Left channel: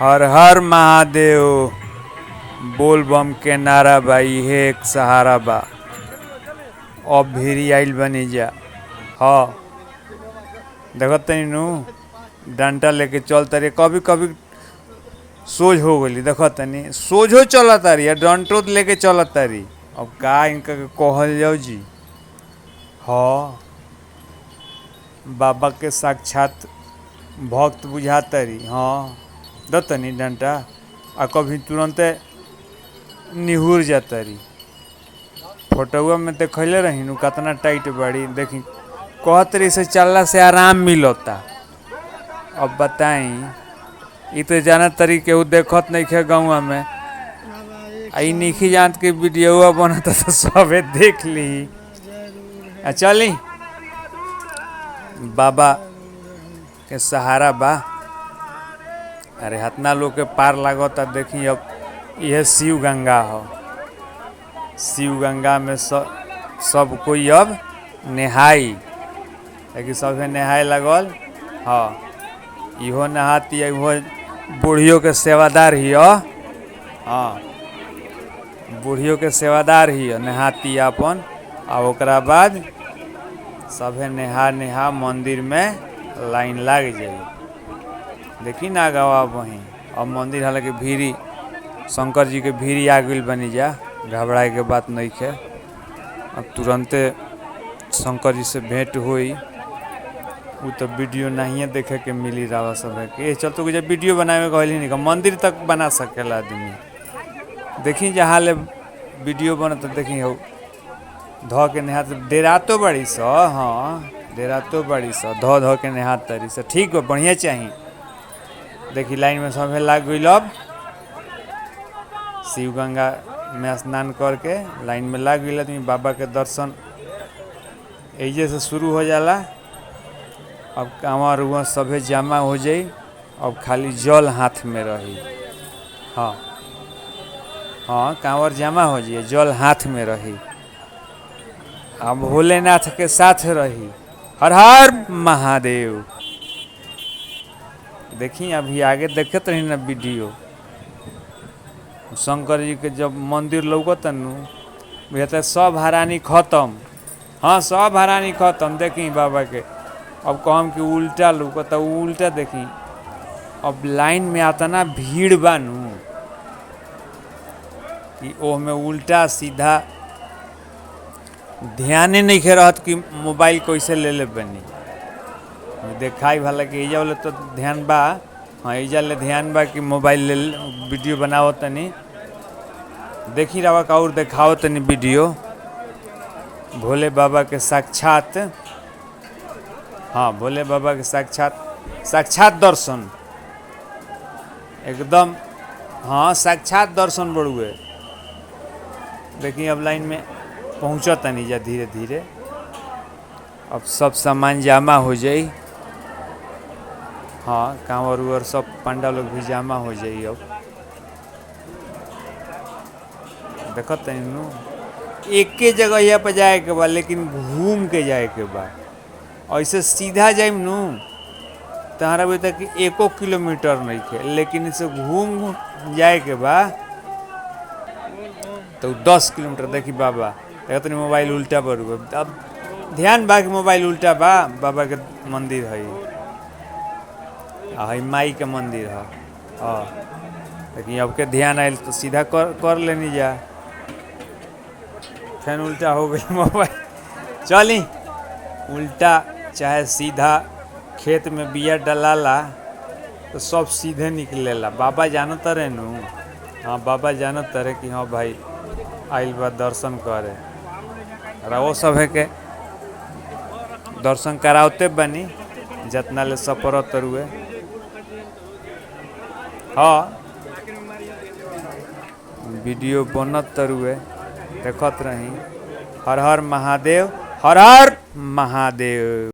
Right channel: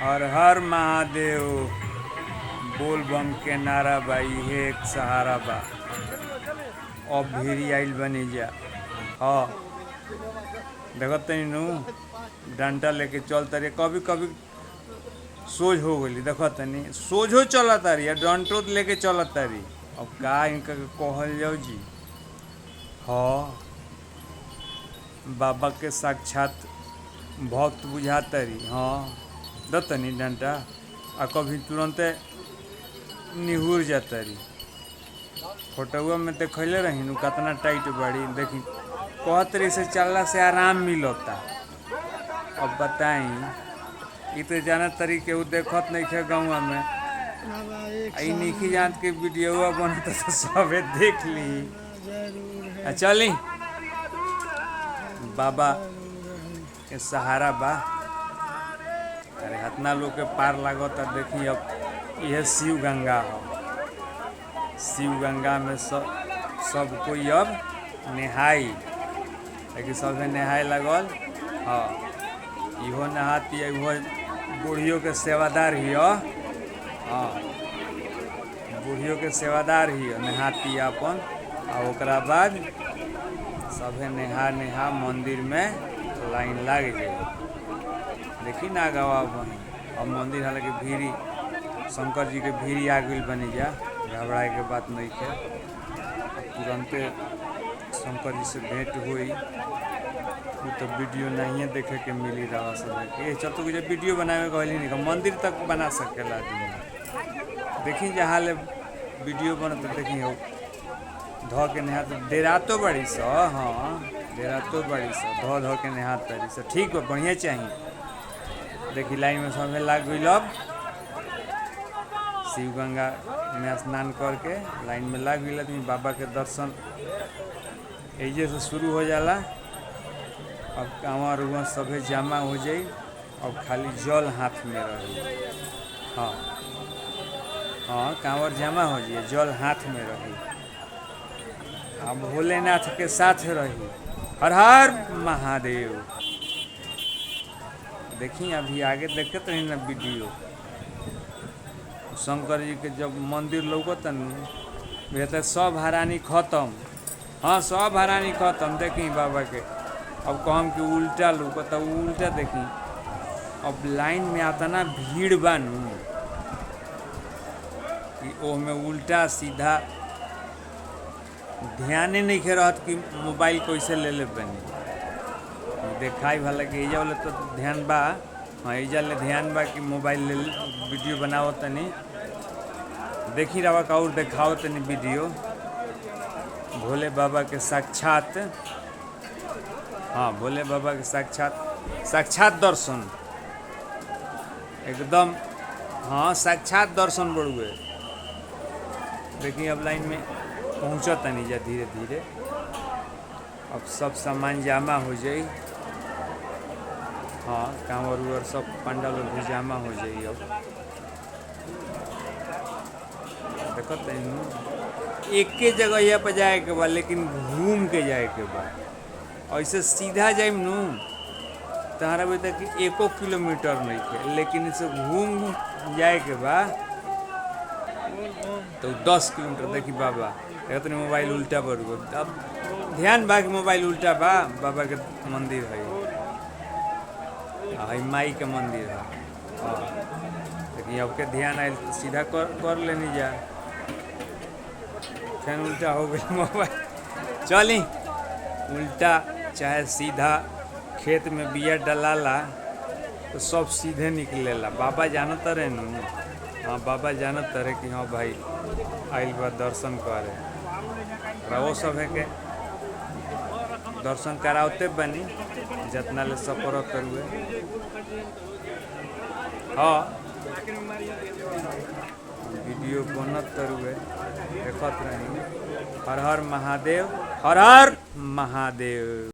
हर हर महादेव। बोल बम के नारा बा, इहे एक सहारा बा। अब भीरी आइल बनी जा। हाँ देखत तनी नु डंटा लेके चल तारी, कभी कभी सोझ हो गई। देखत तनी सोझो चल तारी या डंटो लेके चल तारी। अब का इनका के कहल जाओ जी। हाँ बाबा के साक्षात भक्त बुझातारी। हाँ दतनी डंटा आ कभी तुरंते निहुर जातारी। फोटोआ में देखले रही नु कितना टाइट बाड़ी। देखी कहतरी से चलला से आराम मिलता। अब बताई इ तो जानत तरी केहू देखत नहीं खे गाँव में। आई नहीं जानत के वीडियो बनता तो सबे देख ली। चली बाबा के सहारा बा। अरे हतना लोग के पार लागता। देखी अब यह शिव गंगा हो। शिव गंगा में सब कोई अब नहाई, लेकिन सबे नहाए लगल। हाँ इहो नहाती है, इहो बूढ़ियों के सेवादार ही। हाँ बूढ़ियों के सेवादार ही नहाती अपन। आ ओकरा बाद सभे नेहा मंदिर में लाइन लग जाए। देखी ना गवा वहीं अब मंदिर हालांकि भीरी शंकर जी के भीरी आ गई बनी जा। घबराए के बात नहीं है। अब तुरंते शंकर जी से भेंट हुई। वो तो वीडियो नहीं देखे के मिली रहा सब के। चल तो जब वीडियो बनावे कहली नहीं मंदिर तक बना सकेला आदमी। देखी जहाँ ले वीडियो बनत देखी हो धो के नहा डेरा तो बड़ी स। हाँ डेरा तो बड़ी स धो के नहा तरी से ठीक हो बढ़िया चाहिए। देखी लाइन में सब लाग गई। अब शिव गंगा में स्नान करके लाइन में लाग गई। तो बाबा के दर्शन एजे से शुरू हो जाला। अब कांवर उवर सभे जमा हो जाई। अब खाली जल हाथ में रही। हाँ हाँ कांवर जमा हो जाए, जल हाथ में रही। अब भोलेनाथ के साथ रही। हर हर महादेव। देखी अभी आगे देखत रही ना वीडियो शंकर जी के जब मंदिर लौकत नु सब हरानी खत्म। हाँ सब हरानी खत्म। देखी बाबा के अब कहम कि उल्टा लौकत उल्टा देखी। अब लाइन में आता ना भीड़ बानू कि ओ में उल्टा सीधा ध्यान ही नहीं रहत कि मोबाइल कैसे ले ले बनी। देखाई भला कि एजा वाले तो ध्यान बा। हाँ एजा ले ध्यान बा कि मोबाइल ले वीडियो बनाओ तनी। देखी रवा का और देखाओ तनी वीडियो भोले बाबा के साक्षात। हाँ भोले बाबा के साक्षात दर्शन एकदम। हाँ साक्षात दर्शन बड़ुए। देखिए अब लाइन में पहुँचा तनी जा धीरे धीरे। अब सब सामान जमा हो जाई। हाँ कांवर उवर सब पंडा लोग भी जमा हो जाई। अब देखत तनी एक के जगह यहाँ पर जाए के बा, लेकिन घूम के जाए के बा। ऐसे सीधा जाइम नु तहरा भी तक 1 किलोमीटर नहीं है, लेकिन इसे घूम जाए के बा तो 10 किलोमीटर। देखी बाबा तनी मोबाइल उल्टा पर। अब ध्यान बा कि मोबाइल उल्टा बा। बाबा के मंदिर है माई के मंदिर है। हाँ लेकिन अब के ध्यान आयल तो सीधा कर लेनी जा। फिर उल्टा हो गई मोबाइल। चली उल्टा चाहे सीधा खेत में बिया डलाला तो सब सीधे निकलेला। बाबा जानत रहे नु। हाँ बाबा जानत रहे कि हाँ भाई आइल बा दर्शन करे। वो सब है के दर्शन करावते बनी जितना ले सपरत रुए। हाँ वीडियो बनत रुए देखत रही। हर हर महादेव हर हर महादेव।